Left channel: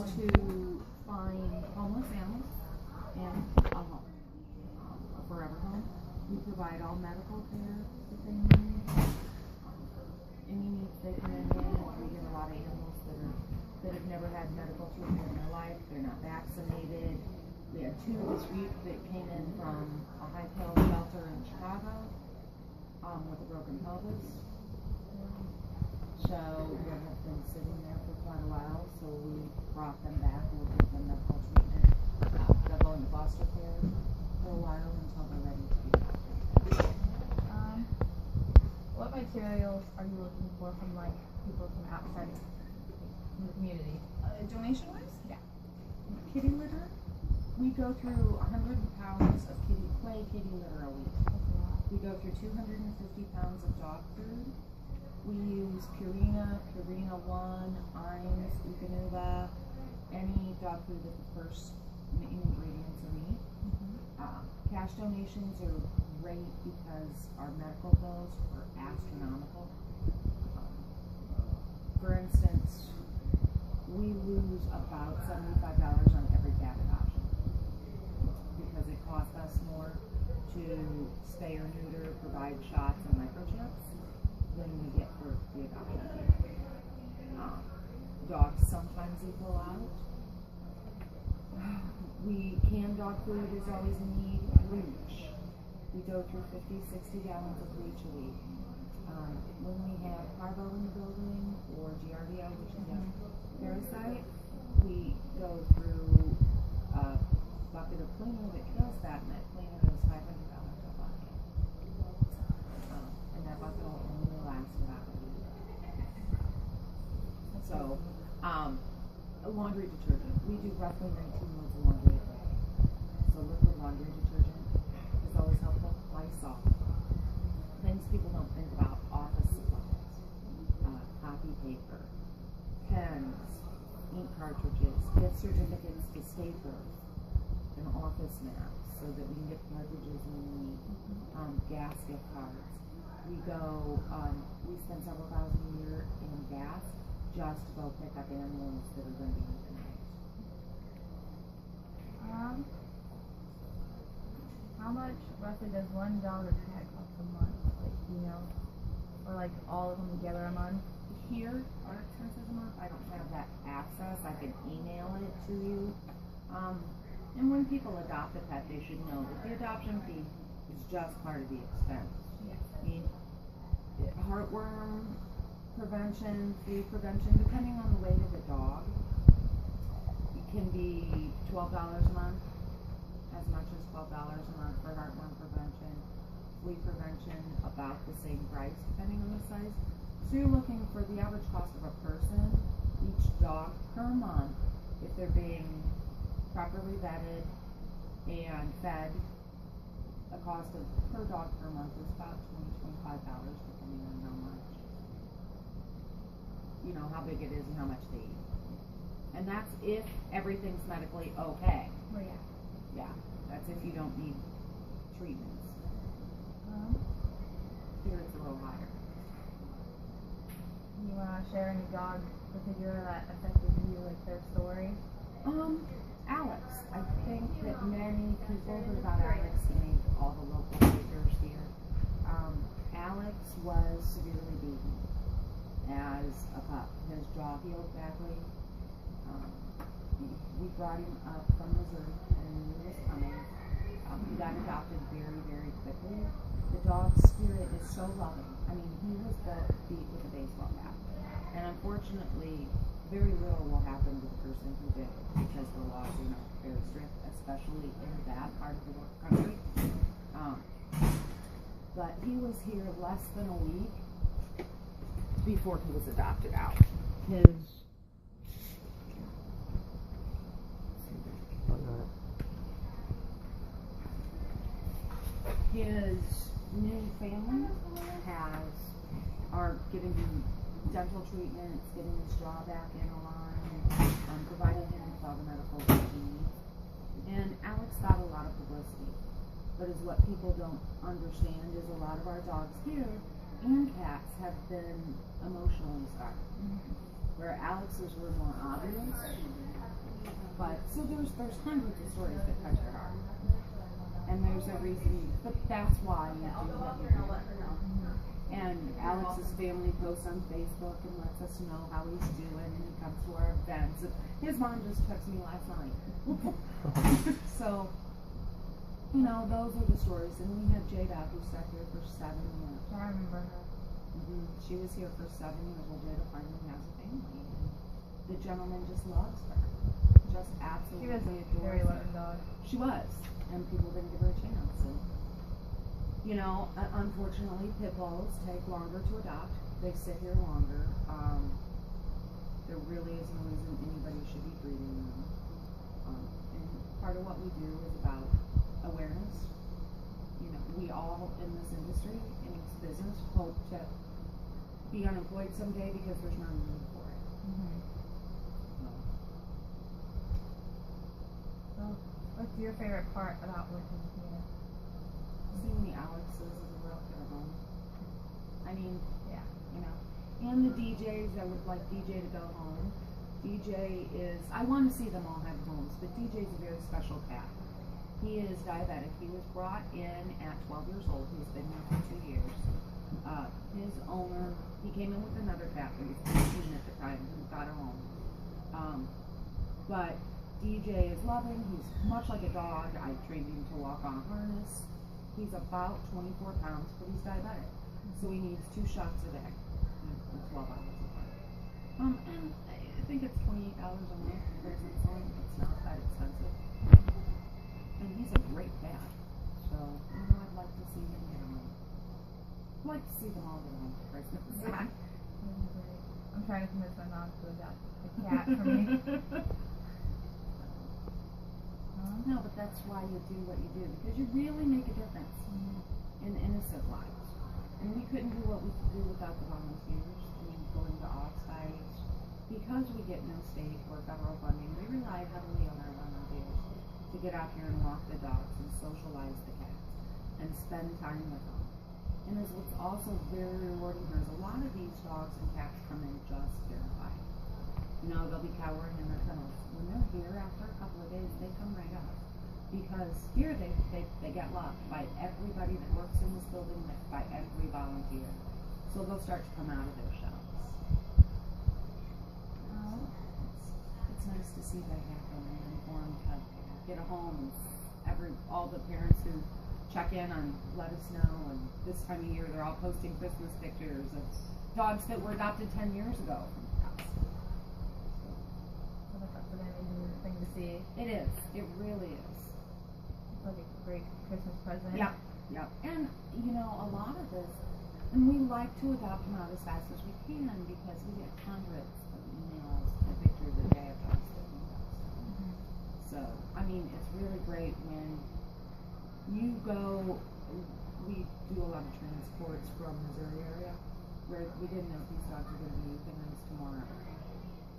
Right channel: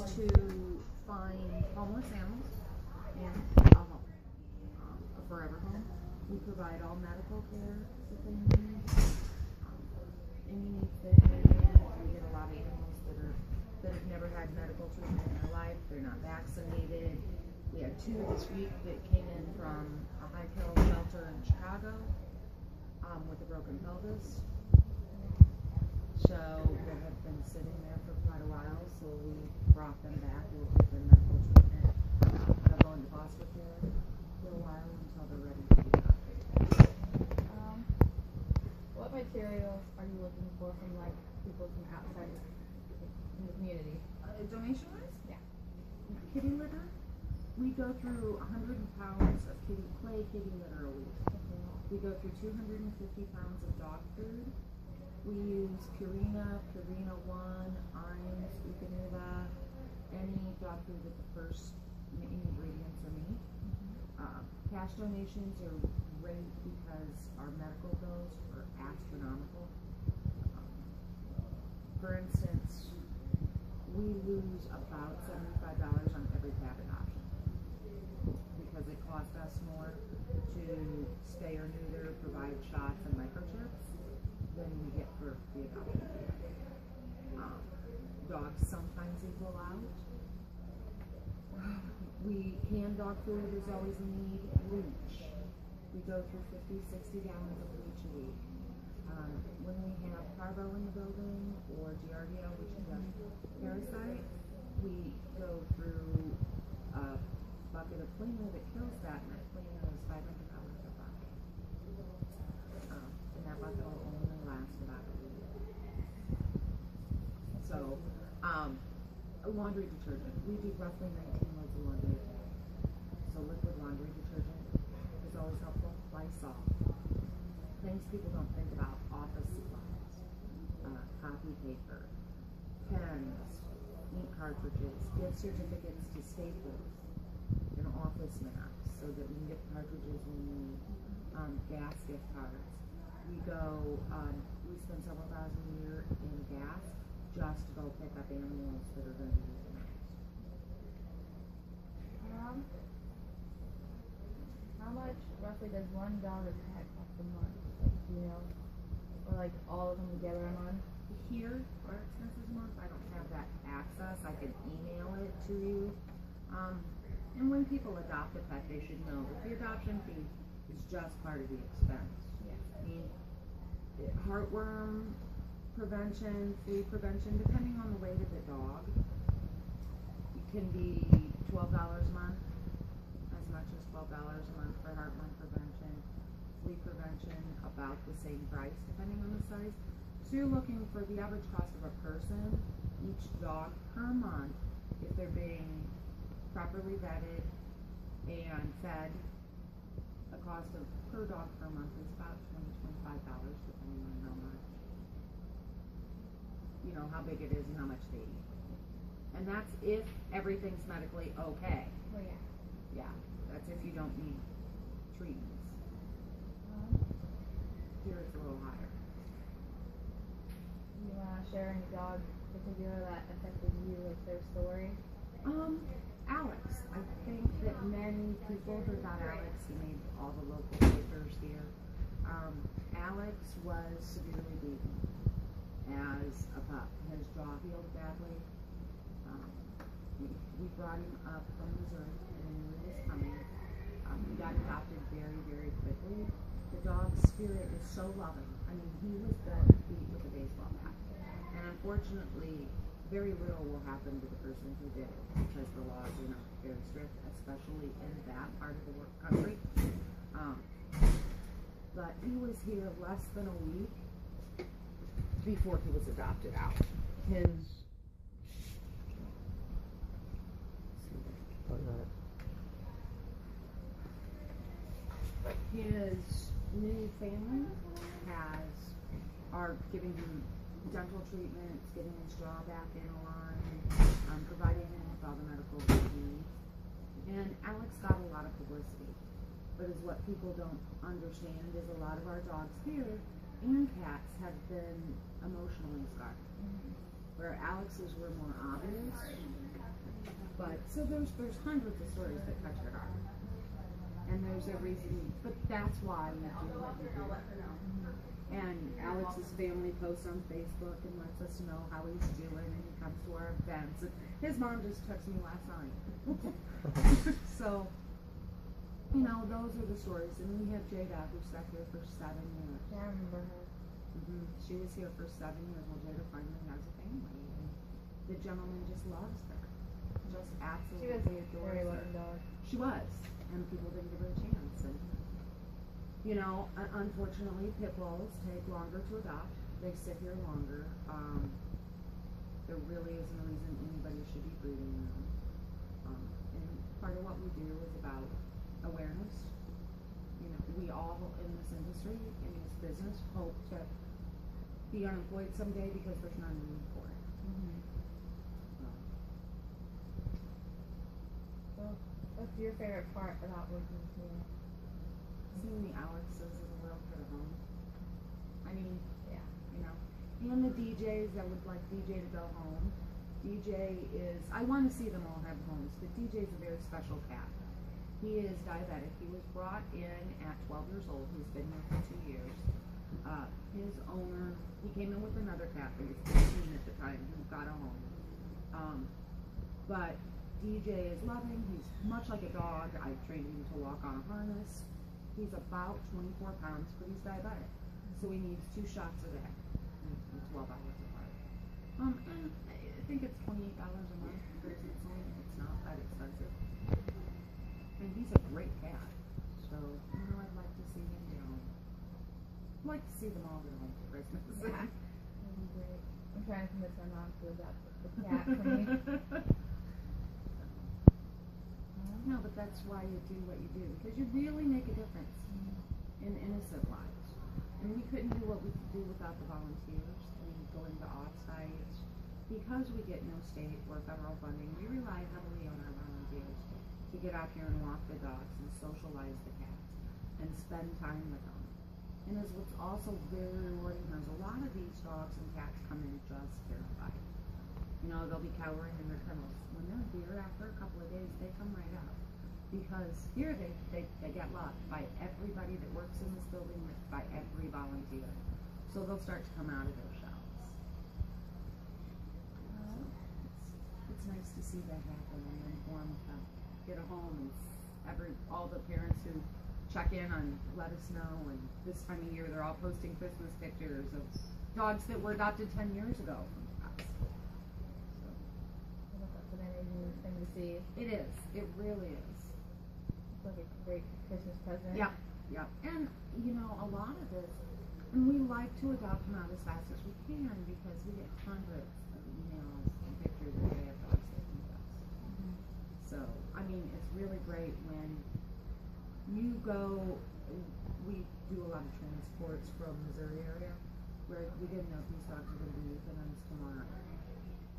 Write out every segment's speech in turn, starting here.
to find homeless animals and a home, a forever home. We provide all medical care that they need. Any needs they come in with. We get a lot of animals that have never had medical treatment in their life. They're not vaccinated. We had 2 this week that came in from a High Hill shelter in Chicago with a broken pelvis. So they have been sitting there for quite a while, so we brought them back. We'll give them medical treatment. They'll go into foster care for a while until they're ready to be adopted. What materials are you looking for from like people from outside the community? Donation-wise? Yeah. Kitty litter. We go through 100 pounds of kitty litter a week. We go through 250 pounds of dog food. We use Purina, Purina One, Iams, Eukanuba, any dog food with the first ingredients are meat. Cash donations are great because our medical bills are astronomical. For instance, we lose about $75 on every cat adoption because it costs us more to spay or neuter, provide shots and microchips than we get for the adoption fee. Dogs sometimes equal out. Canned dog food is always a need. Bleach. We go through 50, 60 gallons of bleach a week. When we have parvo in the building or Giardia, which is a parasite, we go through a bucket of cleaner that kills that, and that cleaner is $500 a bucket. And that bucket will only last about a week. So, laundry detergent. We do roughly 19 loads of laundry a day. So liquid laundry detergent is always helpful. Lysol. Things people don't think about. Office supplies. Copy paper. Pens. Ink cartridges. Gift certificates to Staples. And office maps so that we can get cartridges when we need. Gas gift cards. We go, we spend several thousand a year in gas just to go pick up animals that are going to be euthanized. How much roughly does one dog or cat cost a month? Like, you know, or like all of them together a month? Here, our expenses a month, I don't have that access. I can email it to you. And when people adopt a pet, they should know that the adoption fee is just part of the expense. Yeah. I mean, heartworm prevention, flea prevention, depending on the weight of the dog, it can be $12 a month, as much as $12 a month for heartworm prevention. Flea prevention, about the same price, depending on the size. So you're looking for the average cost of a person, each dog per month, if they're being properly vetted and fed. The cost of per dog per month is about $20, $25, depending on how much, you know, how big it is and how much they eat. And that's if everything's medically okay. Well, yeah. Yeah, that's if you don't need treatments. Here it's a little higher. You want to share any dog particular that affected you, like their story? Alex. I think that many people heard about Alex. He made all the local papers here. Alex was severely beaten as a pup. His jaw healed badly. We brought him up from Missouri and knew he was coming. He got adopted very, very quickly. The dog's spirit is so loving. I mean, he was beat with a baseball bat. And unfortunately, very little will happen to the person who did it because the laws are not very strict, especially in that part of the country. But he was here less than a week before he was adopted out. His new family are giving him dental treatments, getting his jaw back in line, providing him with all the medical needs. And Alex got a lot of publicity. But as what people don't understand is a lot of our dogs here and cats have been emotionally scarred. Where Alex's were more obvious, But so there's hundreds of stories that touch your heart, and there's a reason. But that's why you do what you do. And Alex's family posts on Facebook and lets us know how he's doing, and he comes to our events. And his mom just texted me last night. So, you know, those are the stories. And we had Jada, who sat here for 7 years. I remember her. She was here for 7 years. Well, Jada finally has a family, and the gentleman just loves her. Just absolutely She was adores very her. loving dog. She was, and people didn't give her a chance. And you know, unfortunately, pit bulls take longer to adopt. They sit here longer. There really is no reason anybody should be breeding them. And part of what we do is about awareness. You know, we all in this industry, in this business, hope to be unemployed someday because there's not a need for it. So, what's your favorite part about working here? Seeing the Alexes as a real good home. I mean, Yeah. you know, and the DJs, I would like DJ to go home. DJ is, I want to see them all have homes, but DJ is a very special cat. He is diabetic. He was brought in at 12 years old. He's been here for 2 years. His owner, he came in with another cat that was 15 at the time, who got a home. But DJ is loving. He's much like a dog. I trained him to walk on a harness. He's about 24 pounds, but he's diabetic. So he needs 2 shots a day, and 12 hours apart. And I think it's $28 a month for his insulin. It's not that expensive. And he's a great cat. So, you know, I'd like to see him get home. I'd like to see them all get home for Christmas. Yeah. That'd be great. I'm trying to convince my mom to adopt a cat for me. No, but that's why you do what you do, because you really make a difference in innocent lives. And we couldn't do what we could do without the volunteers. I mean, going to offsites. Because we get no state or federal funding, we rely heavily on our volunteers to get out here and walk the dogs and socialize the cats and spend time with them. And is what's also very rewarding here is a lot of these dogs and cats come in just terrified. You know, they'll be cowering in their kennels. When they're here after a couple of days, they come right up. Because here they get loved by everybody that works in this building, by every volunteer. So they'll start to come out of their shells. It's nice to see that happen and for them to get a home. And all the parents who check in on let us know, and this time of year they're all posting Christmas pictures of dogs that were adopted 10 years ago from us. That's an amazing thing to see. It is. It really is. It's like a great Christmas present. Yep. And, you know, a lot of this, and we like to adopt them out as fast as we can because we get hundreds of emails and pictures a day of dogs that need us. So, I mean, it's really great when you go, we do a lot of transports from Missouri area where we didn't know if these dogs were going to be euthanized tomorrow.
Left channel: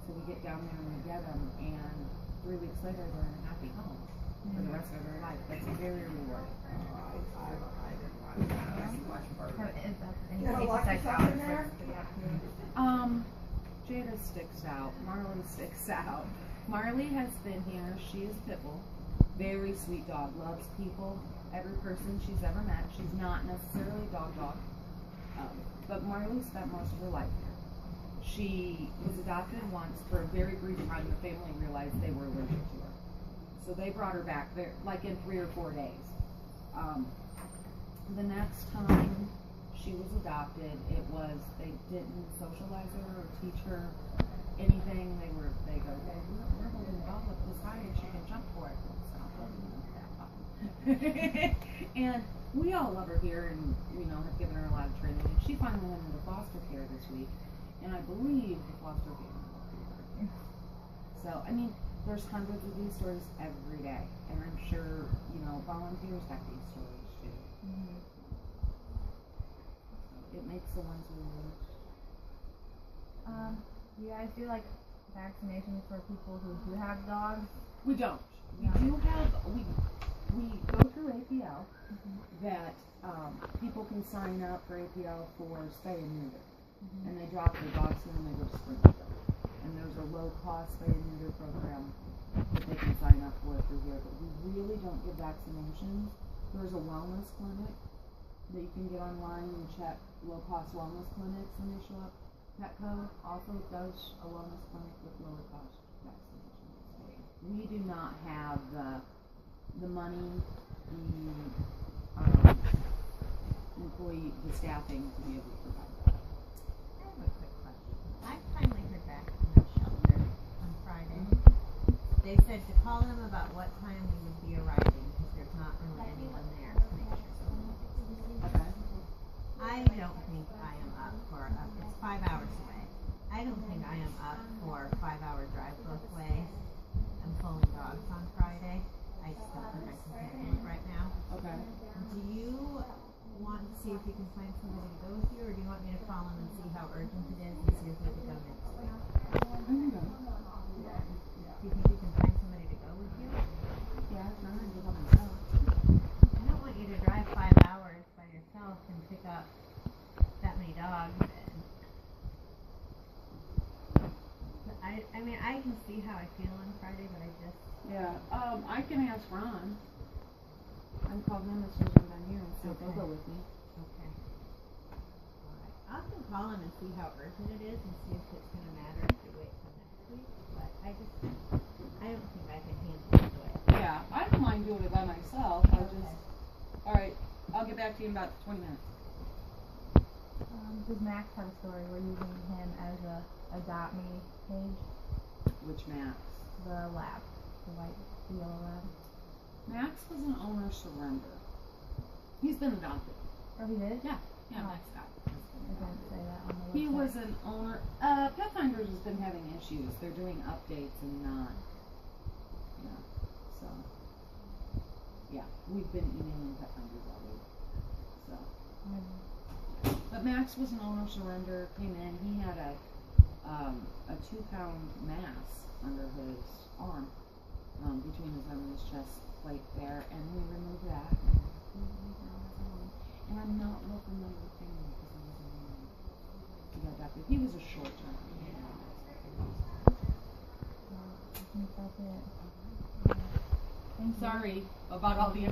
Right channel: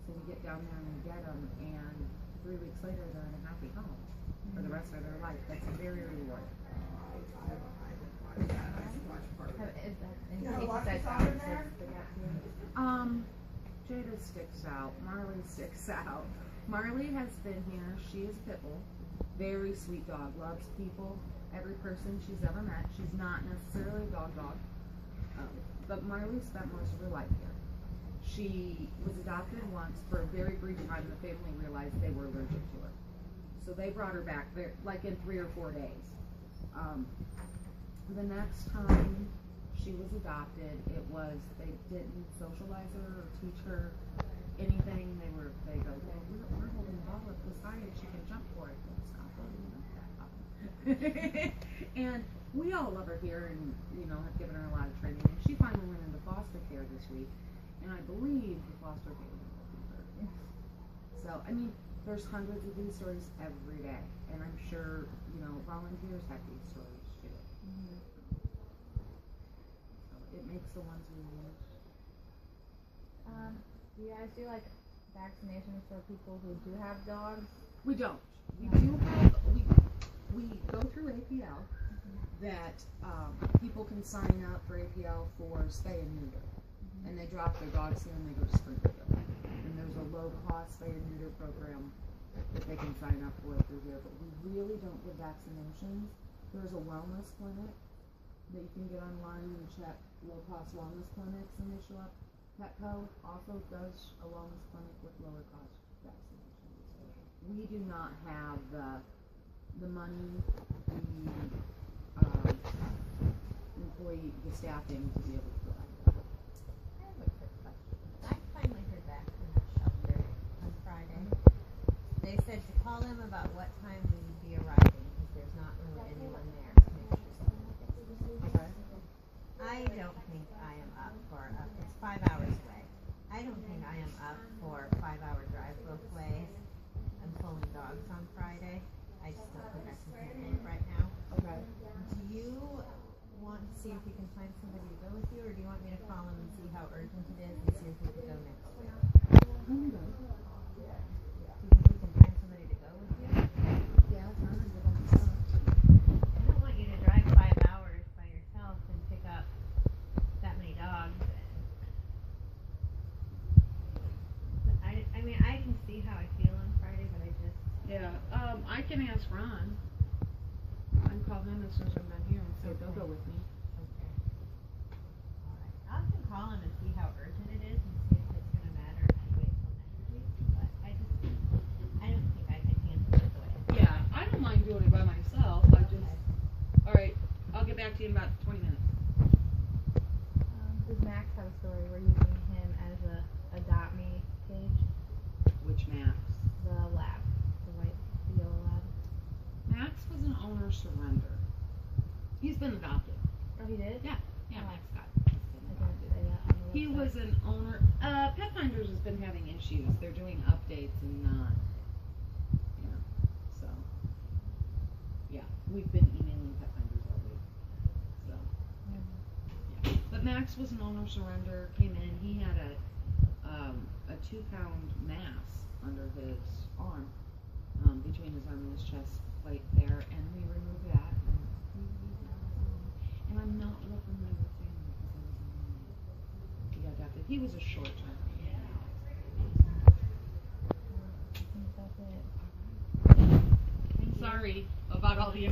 So we get down there and we get them, and 3 weeks later they're in a happy home for the rest of their life. That's very rewarding. Is that anything besides Alex that's the gap here? Jada sticks out. Marley sticks out. Marley has been here. She is a pit bull. Very sweet dog. Loves people. Every person she's ever met. She's not necessarily a dog. But Marley spent most of her life here. She was adopted once for a very brief time. The family realized they were allergic to her. So they brought her back there, like in 3 or 4 days. The next time she was adopted, they didn't socialize her or teach her anything. They go, well, we're holding the ball up this high and she can jump for it. Stop holding it up that high. And we all love her here and, you know, have given her a lot of training. And she finally went into foster care this week. And I believe the foster family will be her. So, I mean, there's hundreds of these stories every day. And I'm sure, you know, volunteers have these stories too. So it makes the ones we lose. Do you guys do like vaccinations for people who do have dogs? We don't. We do we go through APL that people can sign up for APL for spay and neuter. And they drop their dogs in and they go to Springfield. And there's a low cost spay and neuter program that they can sign up for if they're here, but we really don't give vaccinations. There's a wellness clinic that you can get online and check low cost wellness clinics initially. Petco also does a wellness clinic with lower cost vaccinations. We do not have the money, the employee, the staffing to be able to provide that. I have a quick question. I finally heard back from the shelter on Friday. They said to call them about what time we would be arriving because there's not really anyone there to make sure someone gets here. Okay. I don't think I am up for it's 5 hours away. I don't think I am up for a 5-hour drive both ways. I'm pulling dogs on Friday. I just don't think I can handle it right now. Okay. Do you want to see if you can find somebody to go with you, or do you want me to call them and see how urgent it is and see if we can go next week? I can go. Do you think you can find somebody to go with you? Yeah, it's not gonna go by myself. I don't want you to drive 5 hours by yourself and pick up that many dogs. I mean, I can see how I feel on Friday, but I just. Yeah, I can ask Ron. I can call him as soon as I'm done here and see if they'll go with me. Okay. Alright. I can call him and see how urgent it is and see if it's going to matter if we wait till next week. But I don't think I can handle it the way I Yeah, I don't mind doing it by myself. I just, alright, I'll get back to you in about 20 minutes. Does Max have a story? We're using him as a adopt me page. Which Max? The lab, the yellow lab. Max was an owner surrender. He's been adopted. Oh, he did? Yeah, Oh. Max got I didn't say that on the He website. was an owner. Pet Finders has been having issues. They're doing updates and not. Yeah. So. Yeah, we've been emailing Pet Finders all week. So. Yeah. But Max was an owner surrender. Came in. He had a 2-pound mass under his arm, between his arm and his chest plate there, and we removed that. And I'm not real familiar with family because he was in he got adopted. He was a short term. I think that's it. I'm sorry about all the